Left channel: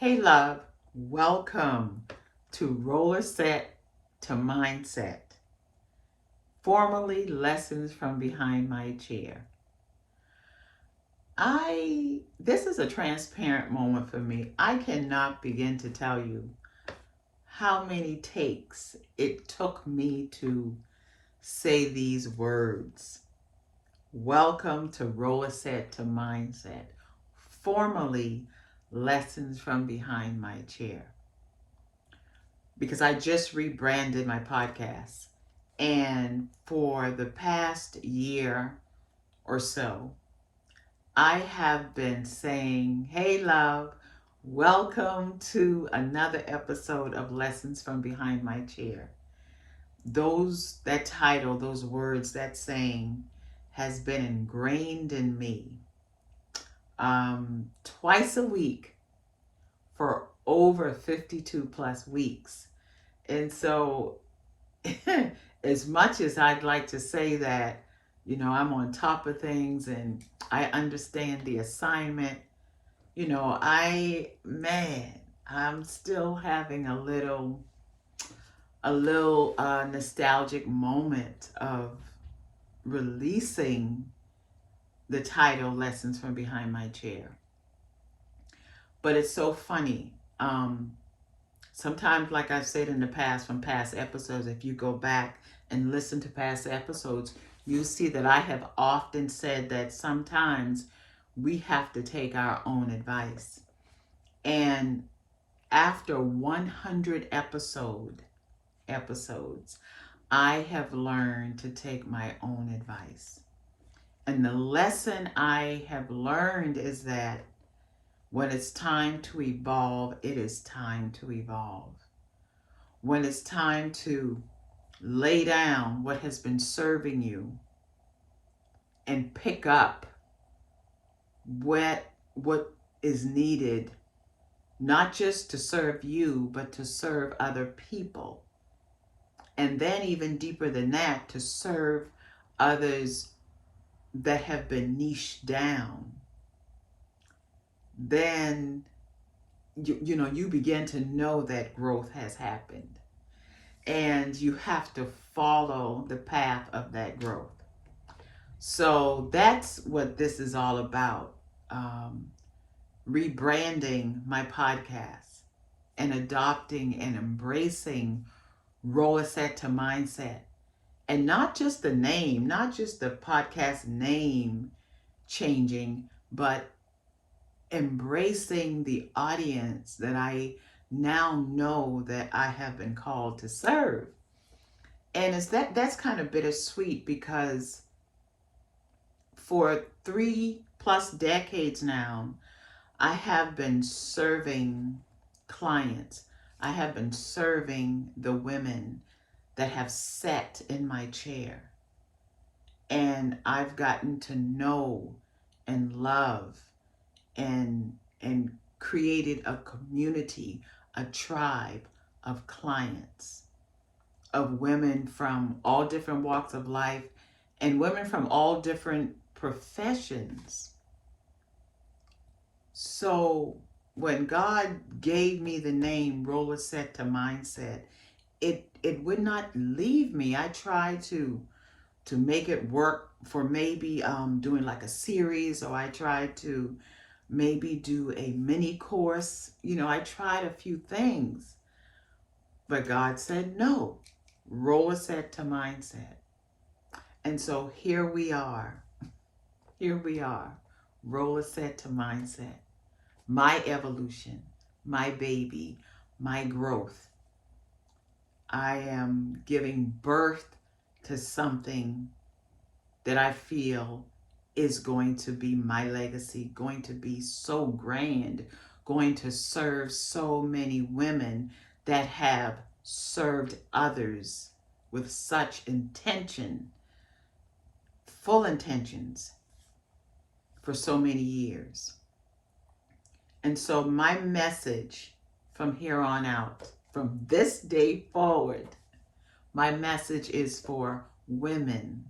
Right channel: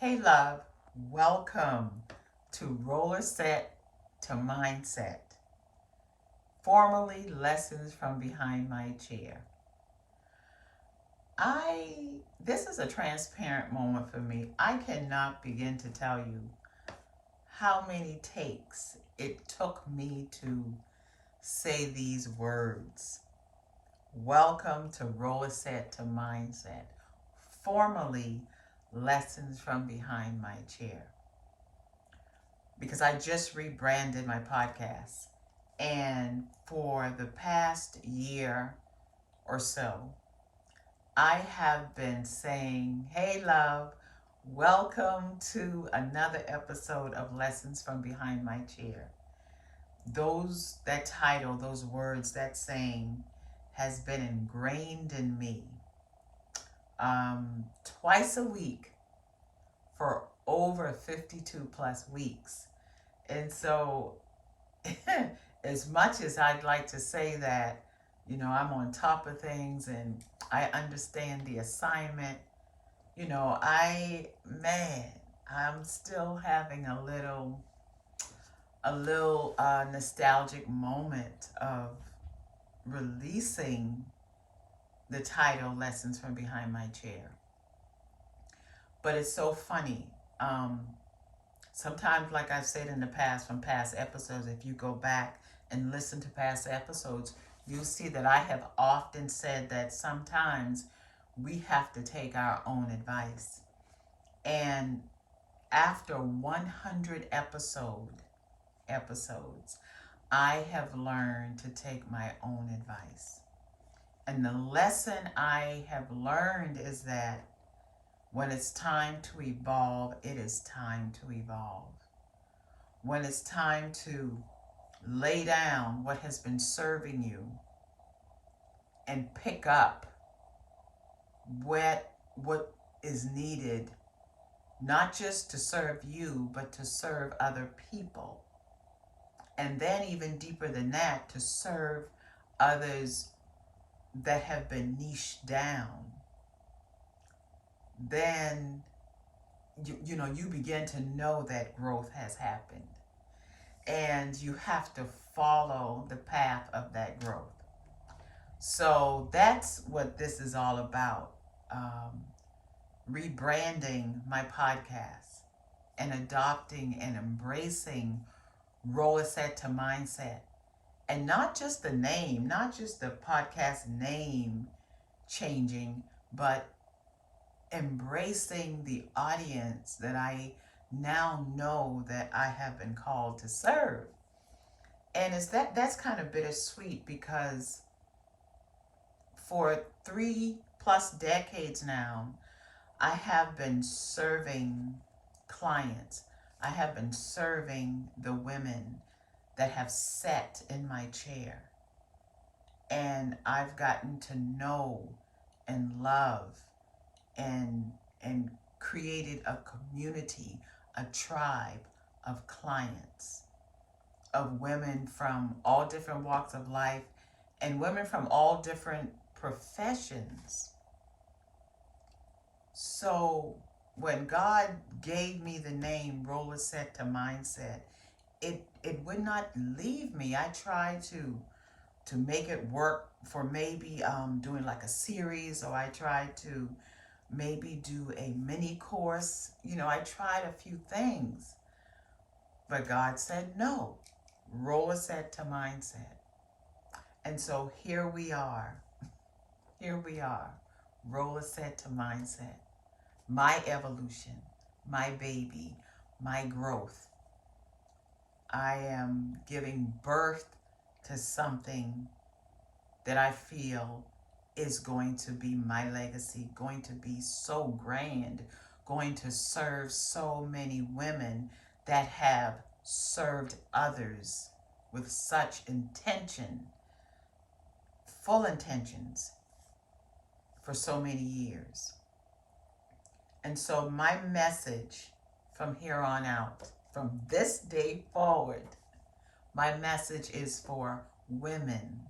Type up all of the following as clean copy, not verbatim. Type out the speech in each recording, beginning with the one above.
Hey, love, welcome to Rollerset to Mindset, formerly Lessons from Behind My Chair. This is a transparent moment for me. I cannot begin to tell you how many takes it took me to say these words. Welcome to Rollerset to Mindset, formerly Lessons from Behind My Chair. Because I just rebranded my podcast. And for the past year or so, I have been saying, hey, love, welcome to another episode of Lessons from Behind My Chair. That title, those words, that saying has been ingrained in me twice a week for over 52 plus weeks. And so as much as I'd like to say that, I'm on top of things and I understand the assignment, I'm still having a little nostalgic moment of releasing the title Lessons from Behind My Chair. But it's so funny. Sometimes, like I've said in the past, from past episodes, if you go back and listen to past episodes, you'll see that I have often said that sometimes we have to take our own advice. And after 100 episodes, I have learned to take my own advice. And the lesson I have learned is that when it's time to evolve, it is time to evolve. When it's time to lay down what has been serving you and pick up what is needed, not just to serve you, but to serve other people. And then even deeper than that, to serve others that have been niched down. Then you begin to know that growth has happened. And you have to follow the path of that growth. So that's what this is all about. Rebranding my podcast and adopting and embracing Rollerset to Mindset. And not just the name, not just the podcast name changing, but embracing the audience that I now know that I have been called to serve. And that's kind of bittersweet because for 3+ decades now, I have been serving clients. I have been serving the women that have sat in my chair. And I've gotten to know and love and created a community, a tribe of clients, of women from all different walks of life and women from all different professions. So when God gave me the name Rollerset to Mindset, it would not leave me. I tried to make it work for maybe doing like a series, or I tried to maybe do a mini course. I tried a few things, but God said no. Rollerset to Mindset. And so here we are. Here we are. Rollerset to Mindset. My evolution, my baby, my growth. I am giving birth to something that I feel is going to be my legacy, going to be so grand, going to serve so many women that have served others with such intention, full intentions, for so many years. And so my message from here on out, from this day forward, my message is for women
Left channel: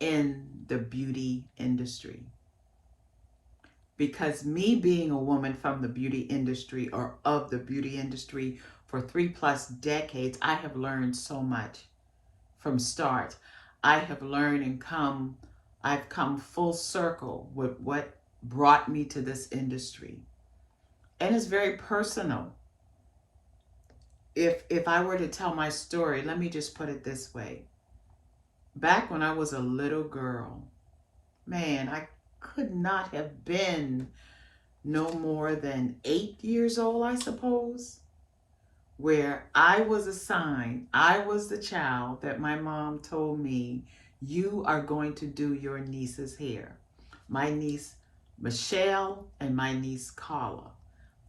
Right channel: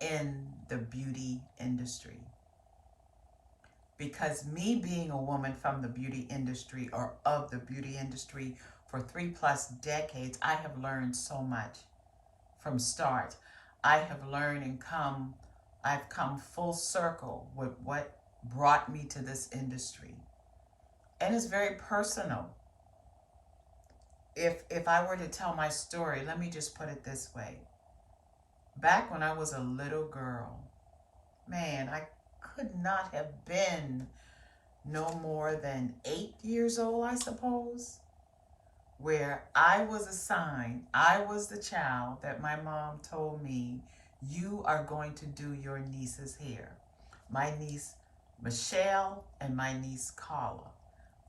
in the beauty industry. because me being a woman from the beauty industry or of the beauty industry for 3+ decades, I have learned so much from start. I have learned and I've come full circle with what brought me to this industry. And it's very personal. If I were to tell my story, let me just put it this way. Back when I was a little girl, man, I could not have been no more than 8 years old, I suppose, where I was assigned, I was the child that my mom told me, you are going to do your niece's hair. My niece Michelle and my niece Carla.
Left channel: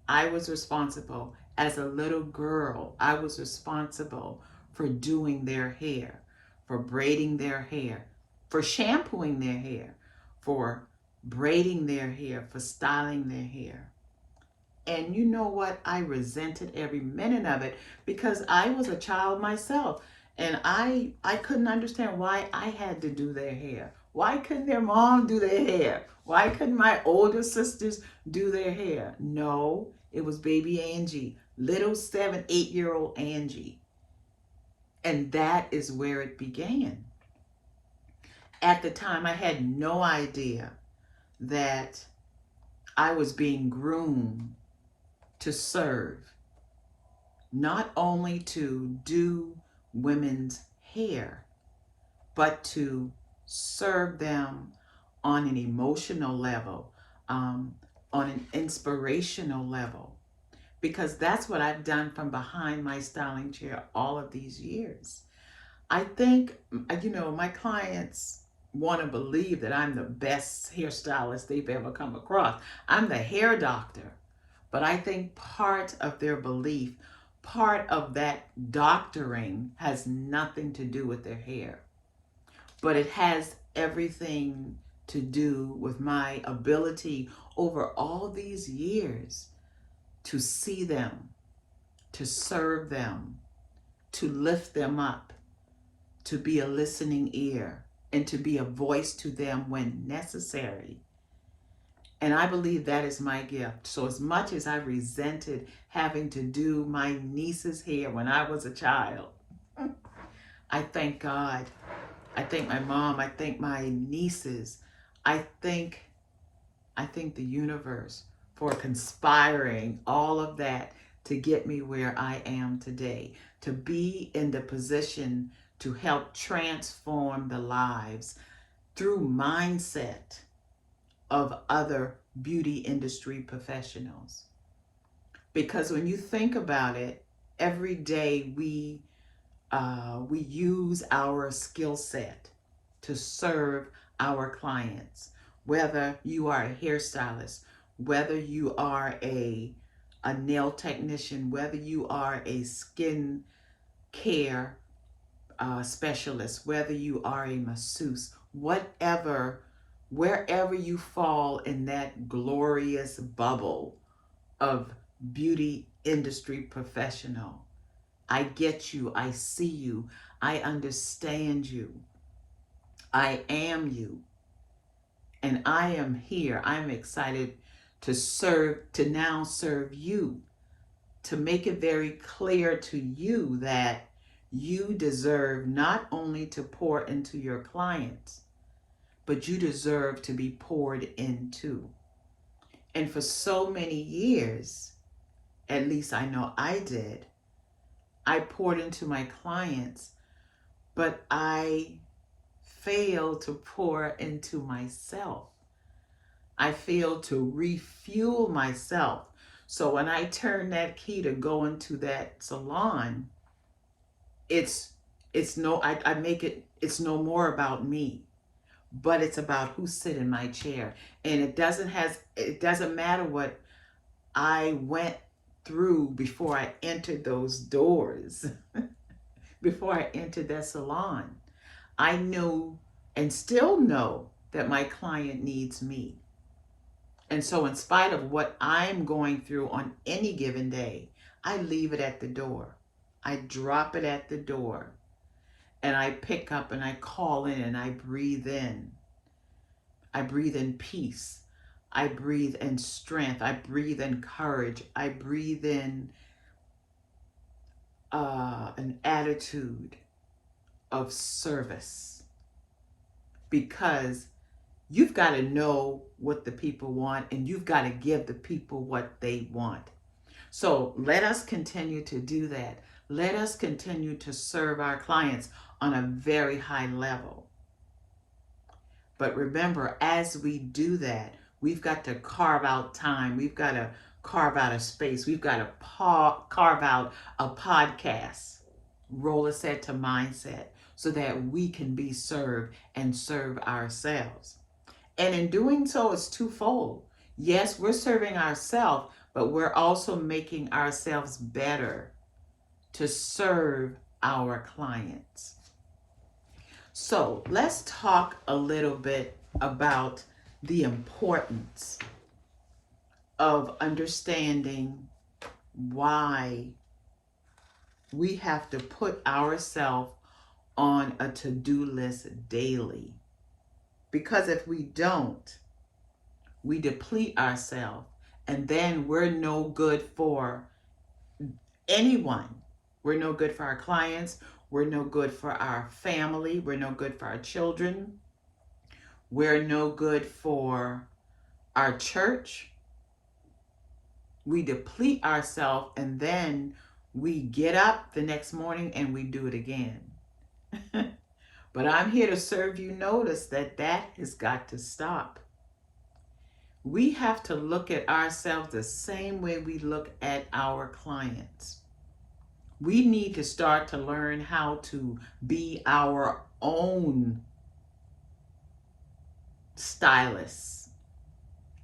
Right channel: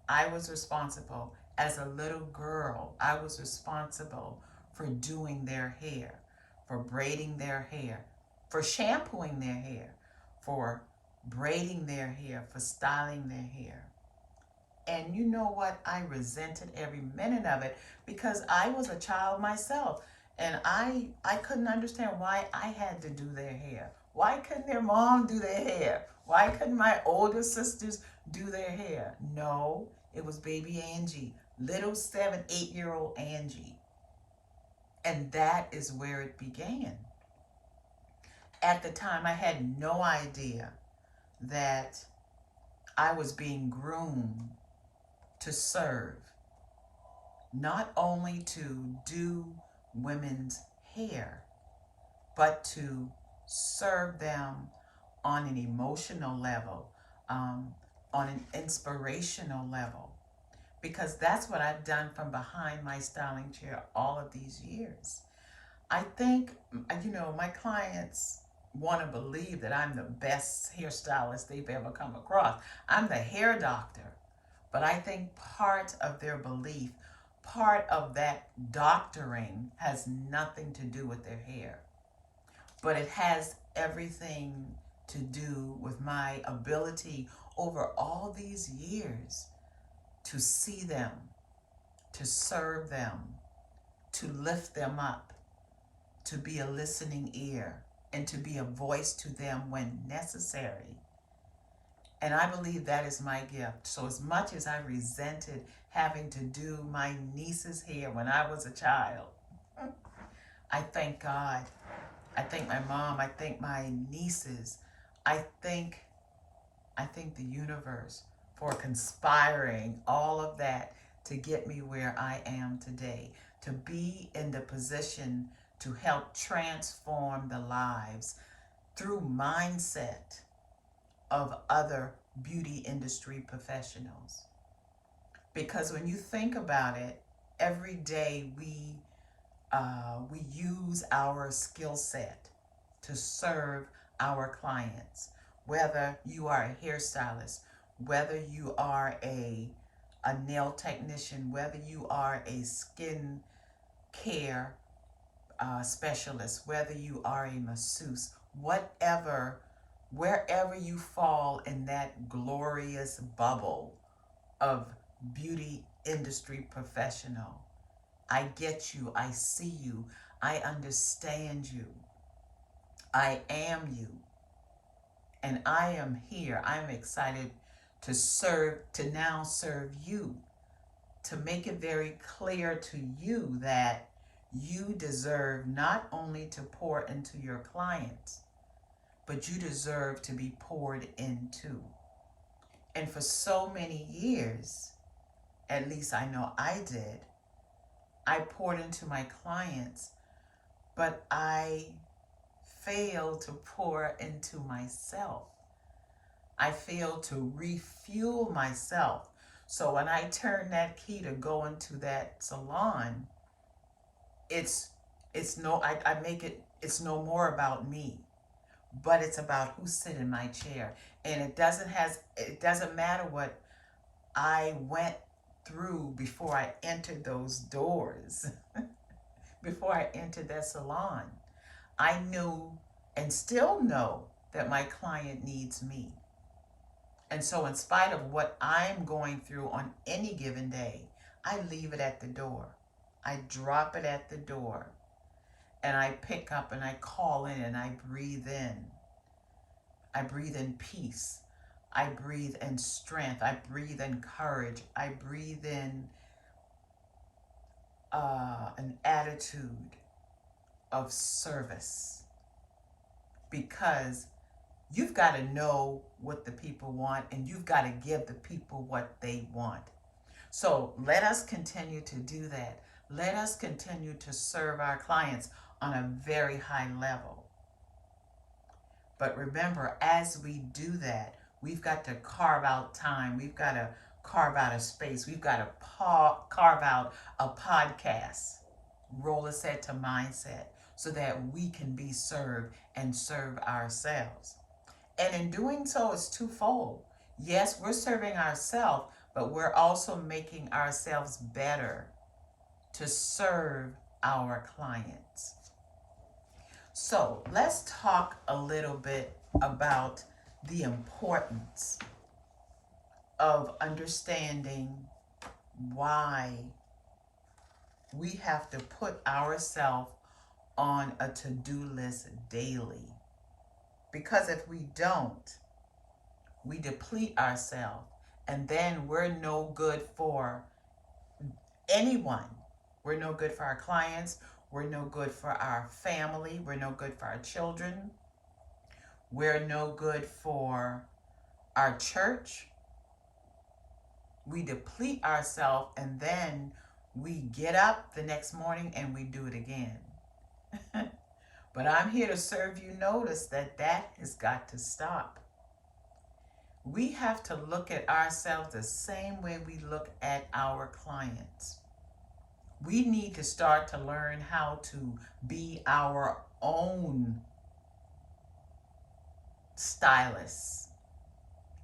I was responsible as a little girl. I was responsible for doing their hair, for braiding their hair, for shampooing their hair, for braiding their hair, for styling their hair. And you know what? I resented every minute of it because I was a child myself. And I couldn't understand why I had to do their hair. Why couldn't their mom do their hair? Why couldn't my older sisters do their hair? No, it was baby Angie, little 7, 8-year-old Angie. And that is where it began. At the time, I had no idea that I was being groomed to serve, not only to do women's hair, but to serve them on an emotional level, on an inspirational level, because that's what I've done from behind my styling chair all of these years. I think, my clients want to believe that I'm the best hairstylist they've ever come across. I'm the hair doctor. But I think part of their belief, part of that doctoring has nothing to do with their hair. But it has everything to do with my ability over all these years to see them, to serve them, to lift them up, to be a listening ear, and to be a voice to them when necessary. And I believe that is my gift. So as much as I resented having to do my niece's hair when I was a child, I thank God. I thank my mom. I thank my nieces. I thank the universe for conspiring all of that to get me where I am today, to be in the position to help transform the lives through mindset of other beauty industry professionals. Because when you think about it, every day we use our skill set to serve our clients. Whether you are a hairstylist, whether you are a nail technician, whether you are a skin care specialist, whether you are a masseuse, wherever you fall in that glorious bubble of beauty industry professional, I get you, I see you, I understand you, I am you, and I am here. I'm excited to now serve you, to make it very clear to you that you deserve not only to pour into your clients, but you deserve to be poured into. And for so many years, at least I know I did, I poured into my clients, but I failed to pour into myself. I failed to refuel myself. So when I turn that key to go into that salon, it's I make it, it's no more about me, but it's about who sit in my chair. And it doesn't matter what I went through before I entered those doors. Before I entered that salon, I knew and still know that my client needs me. And so in spite of what I'm going through on any given day, I leave it at the door. I drop it at the door, and I pick up and I call in and I breathe in. I breathe in peace. I breathe in strength. I breathe in courage. I breathe in an attitude of service, because you've got to know what the people want and you've got to give the people what they want. So let us continue to do that. Let us continue to serve our clients on a very high level. But remember, as we do that, we've got to carve out time. We've got to carve out a space. We've got to carve out a podcast, Rollerset to Mindset, so that we can be served and serve ourselves. And in doing so, it's twofold. Yes, we're serving ourselves, but we're also making ourselves better to serve our clients. So let's talk a little bit about the importance of understanding why we have to put ourselves on a to-do list daily. Because if we don't, we deplete ourselves, and then we're no good for anyone. We're no good for our clients. We're no good for our family. We're no good for our children. We're no good for our church. We deplete ourselves, and then we get up the next morning and we do it again. But I'm here to serve you notice that that has got to stop. We have to look at ourselves the same way we look at our clients. We need to start to learn how to be our own stylists,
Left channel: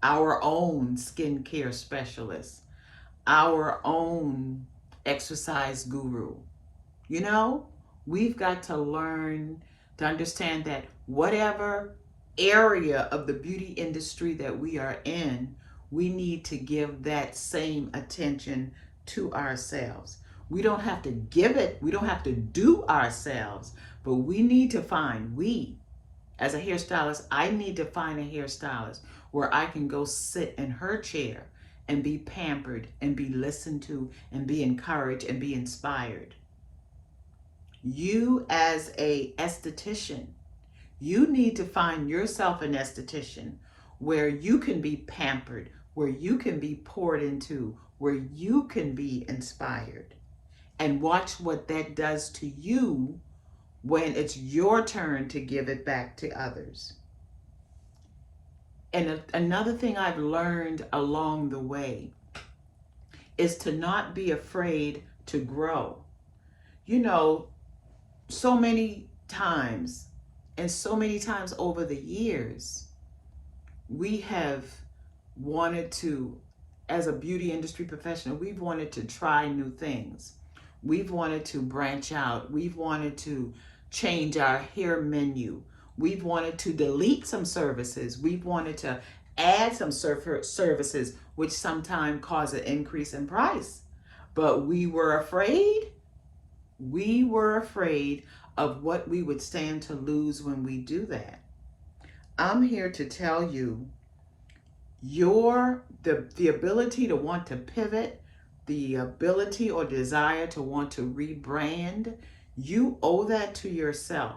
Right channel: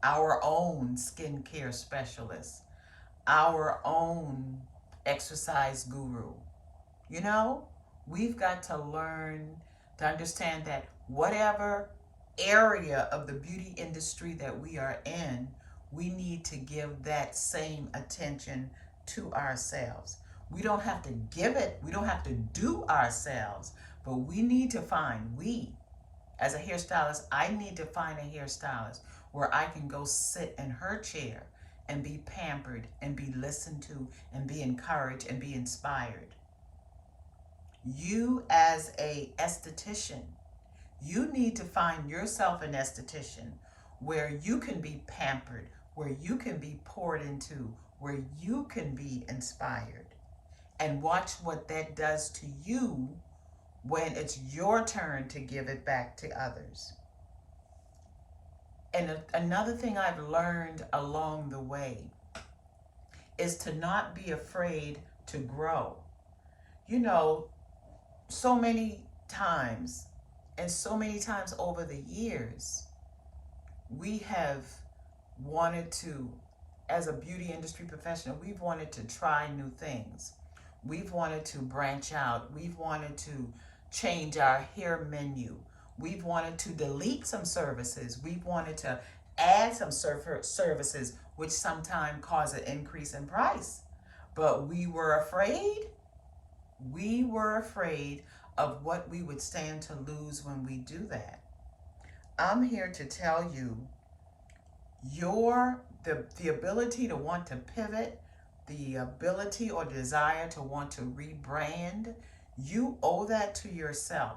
our own skincare specialists, our own exercise guru. You know, we've got to learn to understand that whatever area of the beauty industry that we are in, we need to give that same attention to ourselves. We don't have to give it, we don't have to do ourselves, but we need to find, as a hairstylist, I need to find a hairstylist where I can go sit in her chair and be pampered and be listened to and be encouraged and be inspired. You as a esthetician, you need to find yourself an esthetician where you can be pampered, where you can be poured into, where you can be inspired. And watch what that does to you when it's your turn to give it back to others. And another thing I've learned along the way is to not be afraid to grow. You know, so many times, and so many times over the years, we have wanted to, as a beauty industry professional, we've wanted to try new things. We've wanted to branch out. We've wanted to change our hair menu. We've wanted to delete some services. We've wanted to add some services, which sometimes cause an increase in price. But we were afraid. We were afraid of what we would stand to lose when we do that. I'm here to tell you, the ability to want to pivot, the ability or desire to want to rebrand, you owe that to yourself.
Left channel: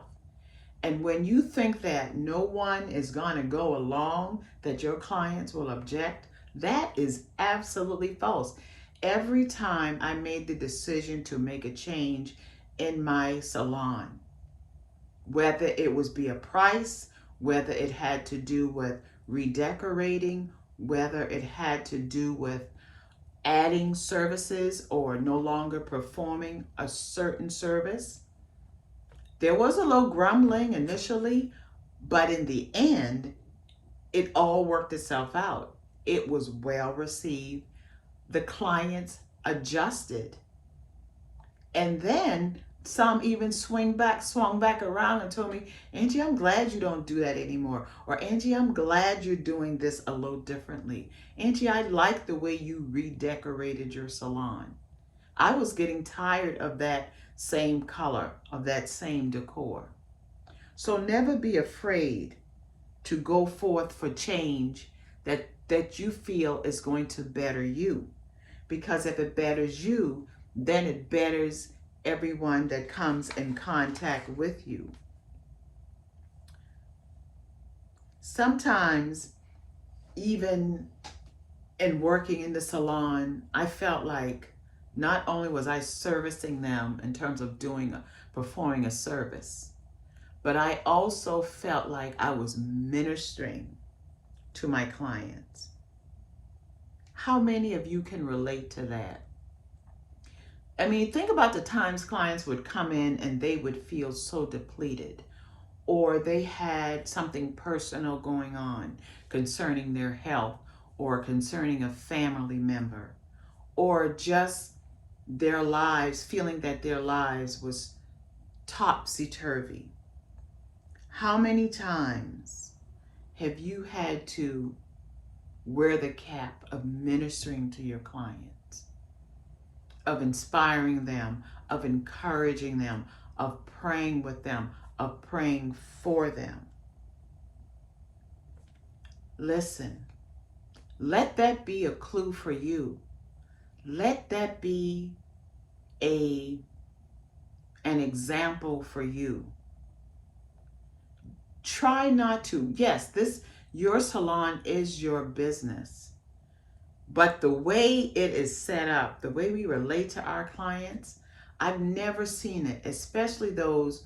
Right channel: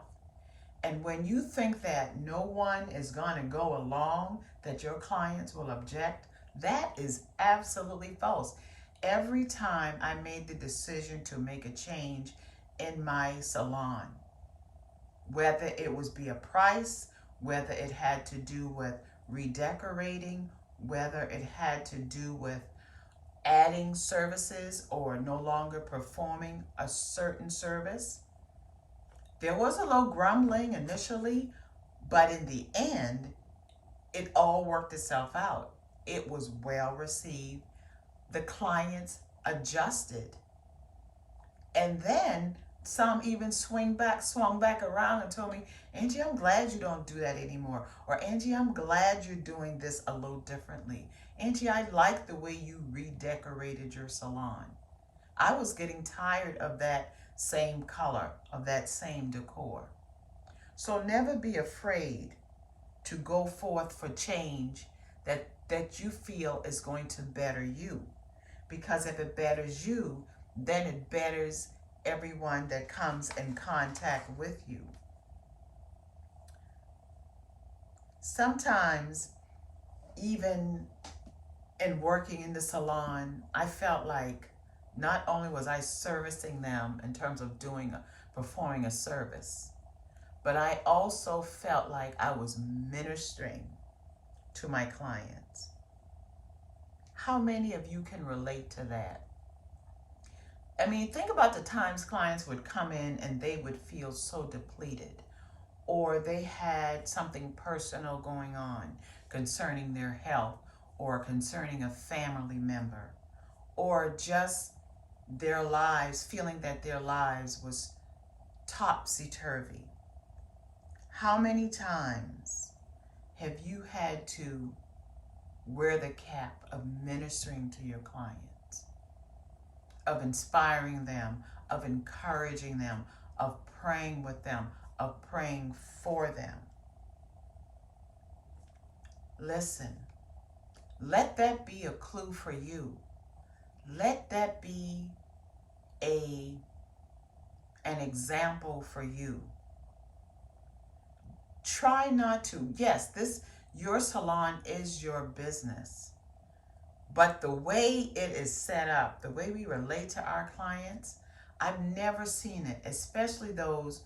And when you think that no one is going to go along, that your clients will object, that is absolutely false. Every time I made the decision to make a change in my salon, whether it was be a price, whether it had to do with redecorating, whether it had to do with adding services or no longer performing a certain service. There was a little grumbling initially, but in the end, it all worked itself out. It was well received. The clients adjusted. And then some even swung back around and told me, Angie, I'm glad you don't do that anymore. Or Angie, I'm glad you're doing this a little differently. Angie, I like the way you redecorated your salon. I was getting tired of that same color, of that same decor. So never be afraid to go forth for change that you feel is going to better you. Because if it betters you, then it betters everyone that comes in contact with you. Sometimes, even in working in the salon, I felt like not only was I servicing them in terms of performing a service, but I also felt like I was ministering to my clients. How many of you can relate to that? I mean, think about the times clients would come in and they would feel so depleted, or they had something personal going on concerning their health, or concerning a family member, or just their lives, feeling that their lives was topsy-turvy. How many times have you had to wear the cap of ministering to your clients, of inspiring them, of encouraging them, of praying with them, of praying for them? Listen, let that be a clue for you. Let that be an example for you. Try not to. Yes, your salon is your business. But the way it is set up, the way we relate to our clients, I've never seen it, especially those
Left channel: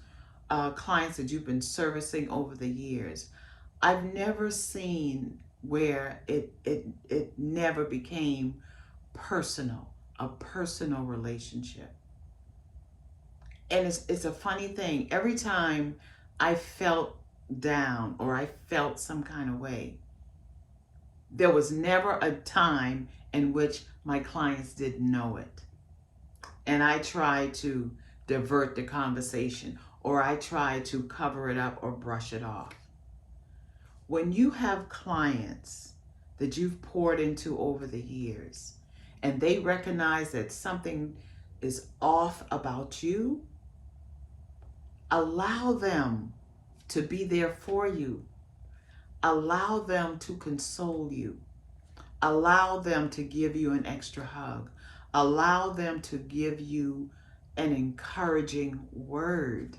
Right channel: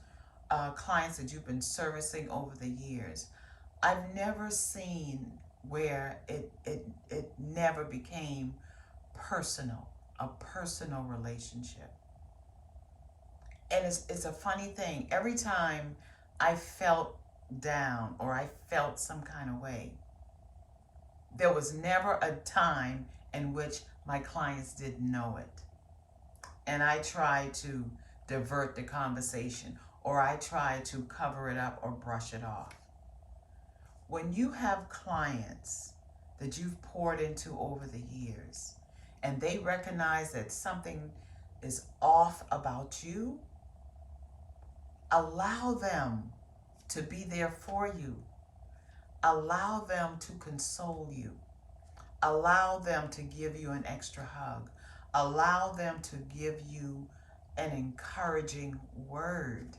clients that you've been servicing over the years. I've never seen where it never became personal, a personal relationship. And it's a funny thing. Every time I felt down or I felt some kind of way, there was never a time in which my clients didn't know it. And I tried to divert the conversation, or I tried to cover it up or brush it off. When you have clients that you've poured into over the years, and they recognize that something is off about you, allow them to be there for you. Allow them to console you. Allow them to give you an extra hug. Allow them to give you an encouraging word.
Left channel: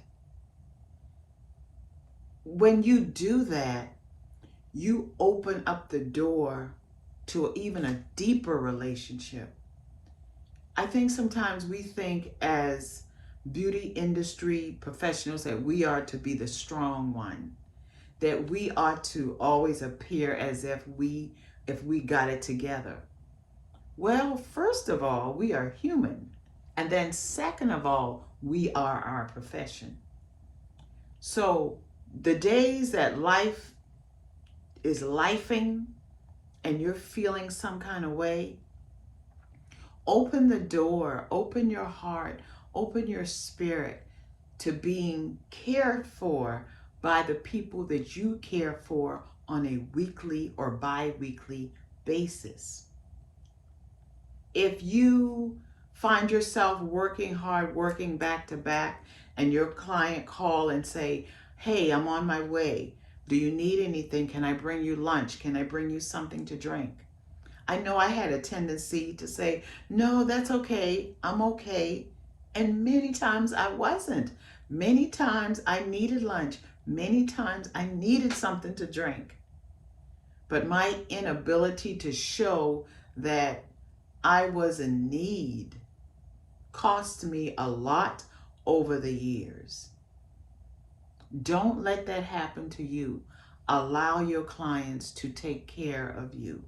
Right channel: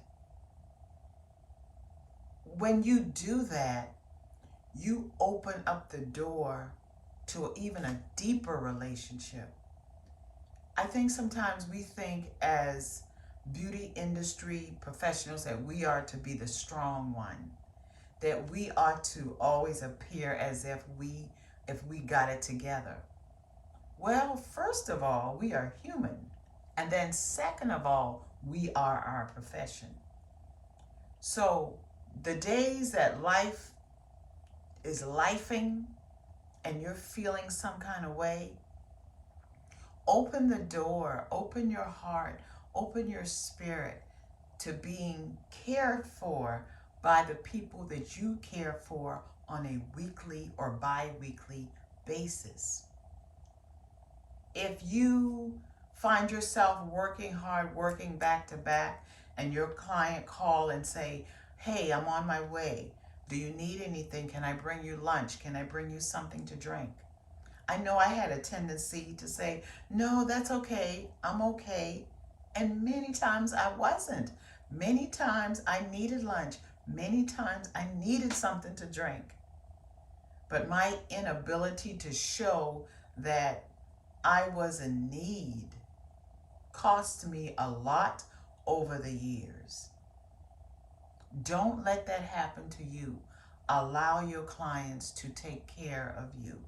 When you do that, you open up the door to even a deeper relationship. I think sometimes we think as beauty industry professionals that we are to be the strong one, that we ought to always appear as if we got it together. Well, first of all, we are human. And then second of all, we are our profession. So the days that life is lifing and you're feeling some kind of way, open the door, open your heart, open your spirit to being cared for by the people that you care for on a weekly or bi-weekly basis. If you find yourself working hard, working back to back, and your client call and say, hey, I'm on my way. Do you need anything? Can I bring you lunch? Can I bring you something to drink? I know I had a tendency to say, no, that's okay. I'm okay. And many times I wasn't. Many times I needed lunch. Many times I needed something to drink. But my inability to show that I was in need cost me a lot over the years. Don't let that happen to you. Allow your clients to take care of you.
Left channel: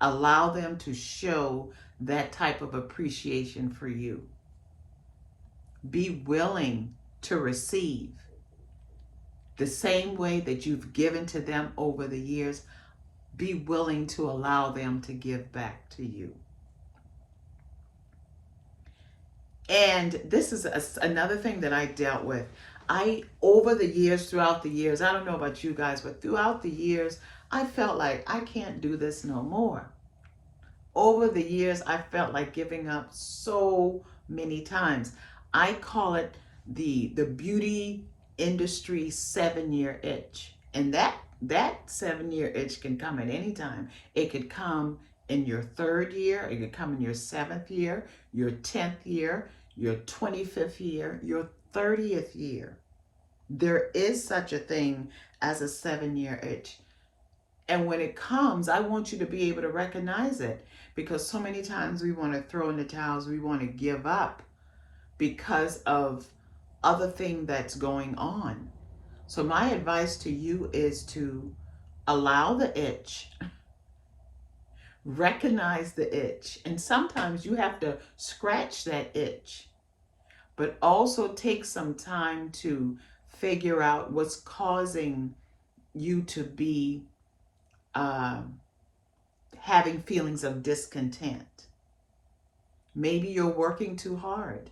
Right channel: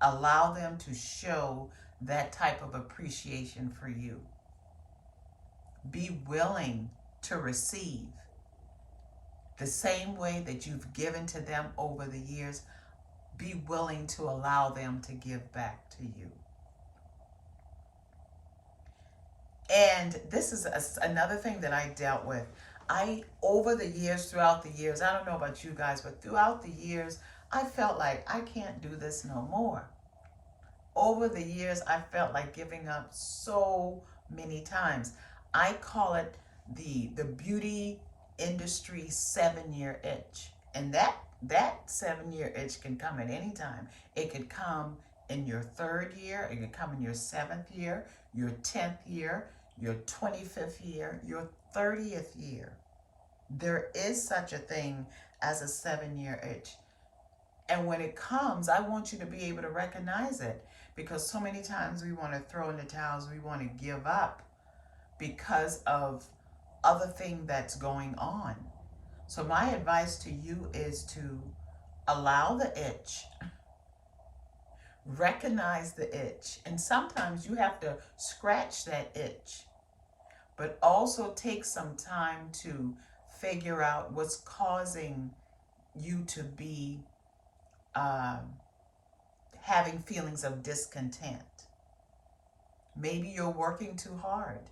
Allow them to show that type of appreciation for you. Be willing to receive the same way that you've given to them over the years. Be willing to allow them to give back to you. And this is another thing that I dealt with. Over the years, throughout the years, I don't know about you guys, but throughout the years, I felt like I can't do this no more. Over the years, I felt like giving up so many times. I call it the beauty industry 7-year itch. And that that 7-year itch can come at any time. It could come in your 3rd year, it could come in your 7th year, your 10th year, your 25th year, your 30th year. There is such a thing as a 7-year itch. And when it comes, I want you to be able to recognize it, because so many times we want to throw in the towels, we want to give up because of other thing that's going on. So my advice to you is to allow the itch, recognize the itch, and sometimes you have to scratch that itch, but also take some time to figure out what's causing you to be having feelings of discontent. Maybe you're working too hard.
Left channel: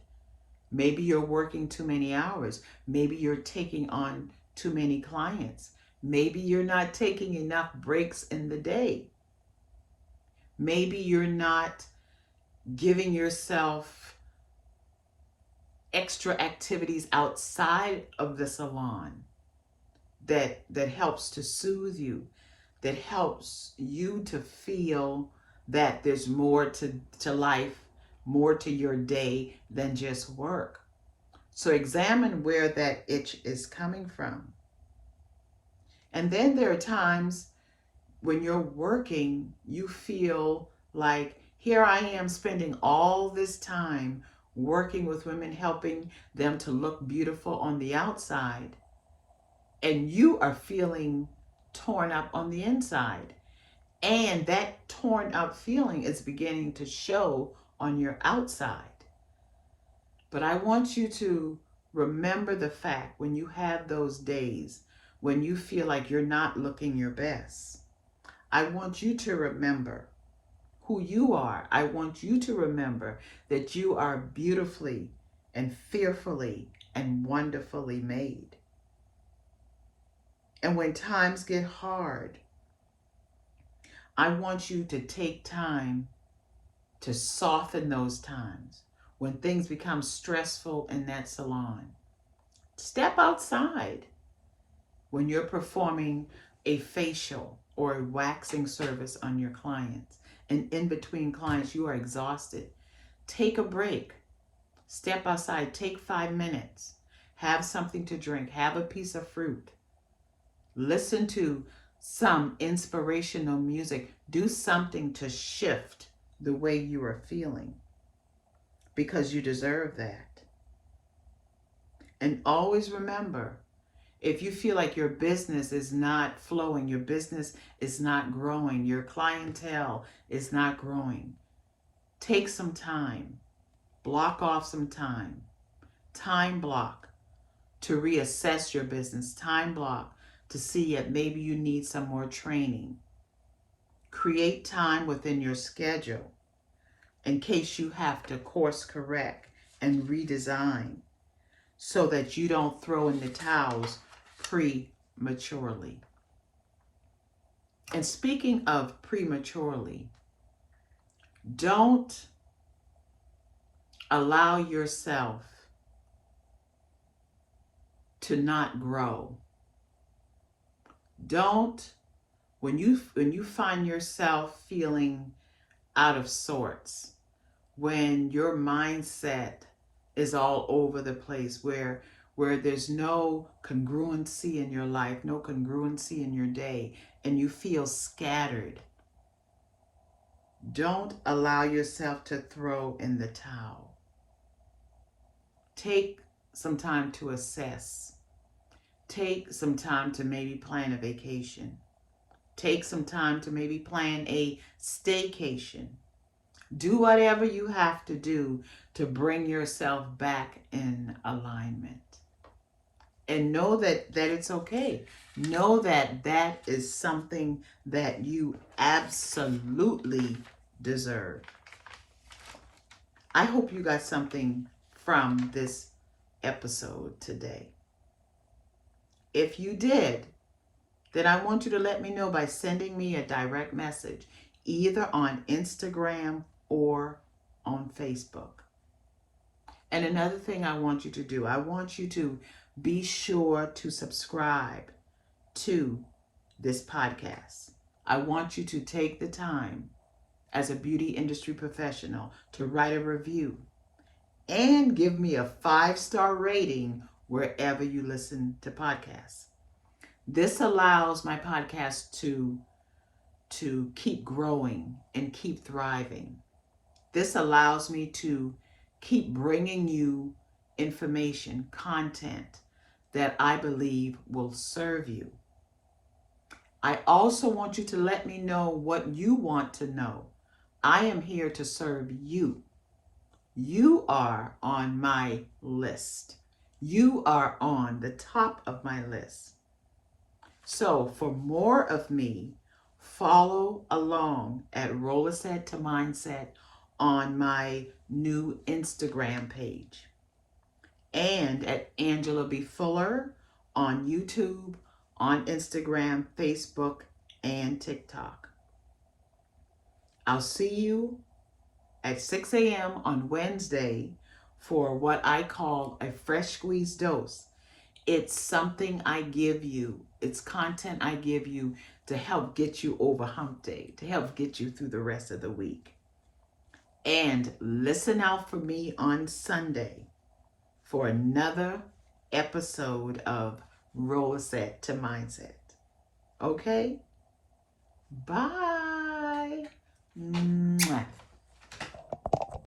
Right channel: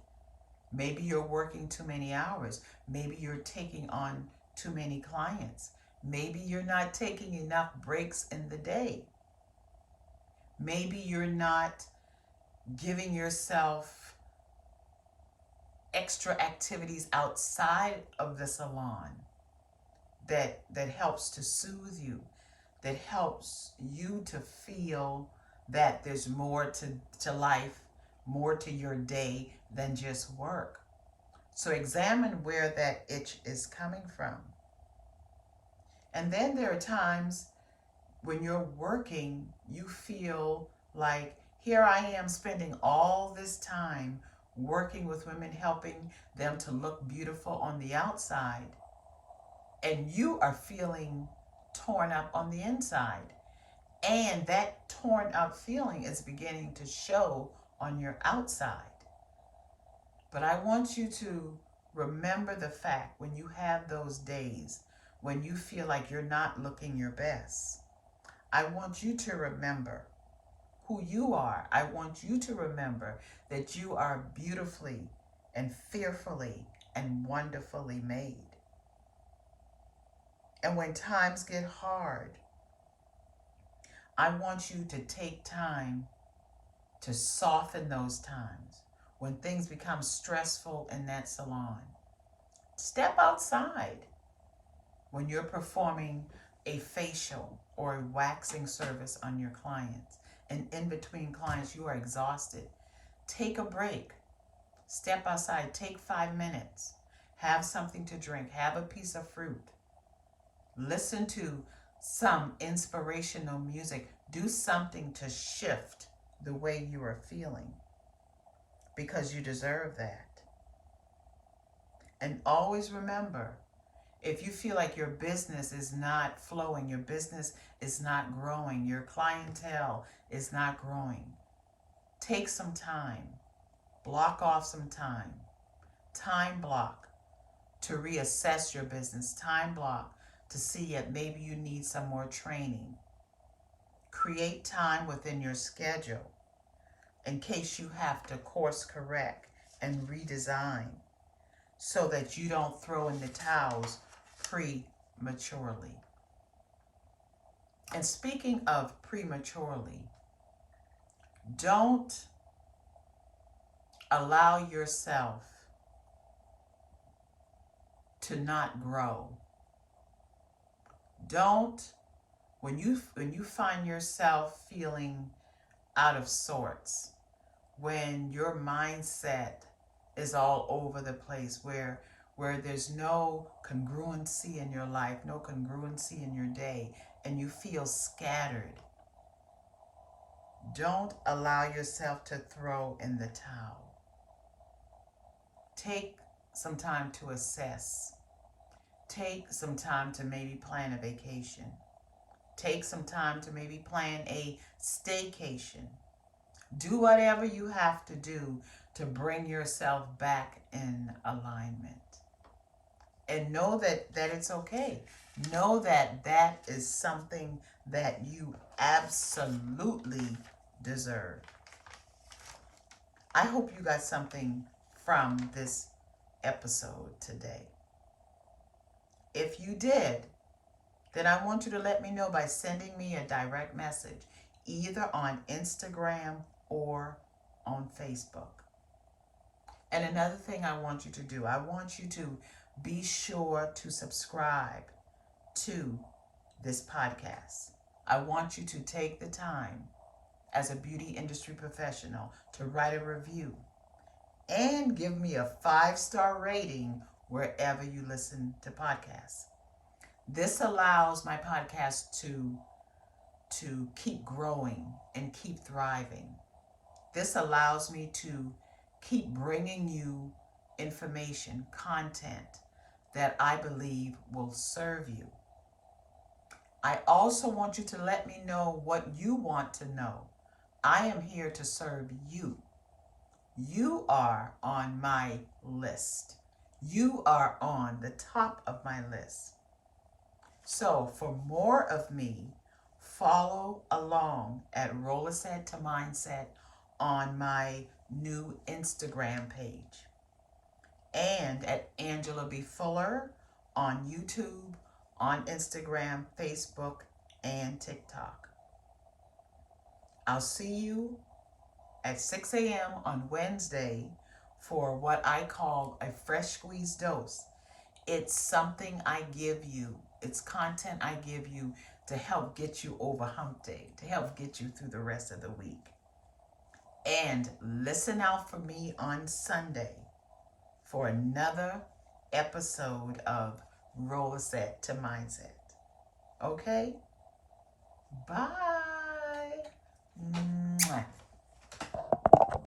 Maybe you're working too many hours. Maybe you're taking on too many clients. Maybe you're not taking enough breaks in the day. Maybe you're not giving yourself extra activities outside of the salon that helps to soothe you, that helps you to feel that there's more to life, more to your day than just work. So examine where that itch is coming from. And then there are times when you're working, you feel like, here I am spending all this time working with women, helping them to look beautiful on the outside, and you are feeling torn up on the inside. And that torn up feeling is beginning to show on your outside. But I want you to remember the fact, when you have those days when you feel like you're not looking your best, I want you to remember who you are. I want you to remember that you are beautifully and fearfully and wonderfully made. And when times get hard, I want you to take time to soften those times. When things become stressful in that salon, step outside. When you're performing a facial or a waxing service on your clients, and in between clients you are exhausted, take a break. Step outside, take 5 minutes. Have something to drink, have a piece of fruit. Listen to some inspirational music. Do something to shift the way you are feeling, because you deserve that. And always remember, if you feel like your business is not flowing, your business is not growing, your clientele is not growing, take some time, block off some time block to reassess your business, time block to see that maybe you need some more training. Create time within your schedule in case you have to course correct and redesign, so that you don't throw in the towels prematurely. And speaking of prematurely, don't allow yourself to not grow. Don't, when you find yourself feeling out of sorts, when your mindset is all over the place, where there's no congruency in your life, no congruency in your day, and you feel scattered, don't allow yourself to throw in the towel. Take some time to assess. Take some time to maybe plan a vacation. Take some time to maybe plan a staycation. Do whatever you have to do to bring yourself back in alignment. And know that it's okay. Know that that is something that you absolutely deserve. I hope you got something from this episode today. If you did, then I want you to let me know by sending me a direct message, either on Instagram or on Facebook. And another thing I want you to do, I want you to be sure to subscribe to this podcast. I want you to take the time as a beauty industry professional to write a review and give me a 5-star rating wherever you listen to podcasts. This allows my podcast to keep growing and keep thriving. This allows me to keep bringing you information, content that I believe will serve you. I also want you to let me know what you want to know. I am here to serve you. You are on my list. You are on the top of my list. So for more of me, follow along at Rollerset to Mindset on my new Instagram page and at Angela B. Fuller on YouTube, on Instagram, Facebook, and TikTok. I'll see you at 6 a.m. on Wednesday for what I call a fresh squeezed dose. It's something I give you. It's content I give you to help get you over hump day, to help get you through the rest of the week. And listen out for me on Sunday for another episode of Rollerset to Mindset. Okay? Bye. Mwah.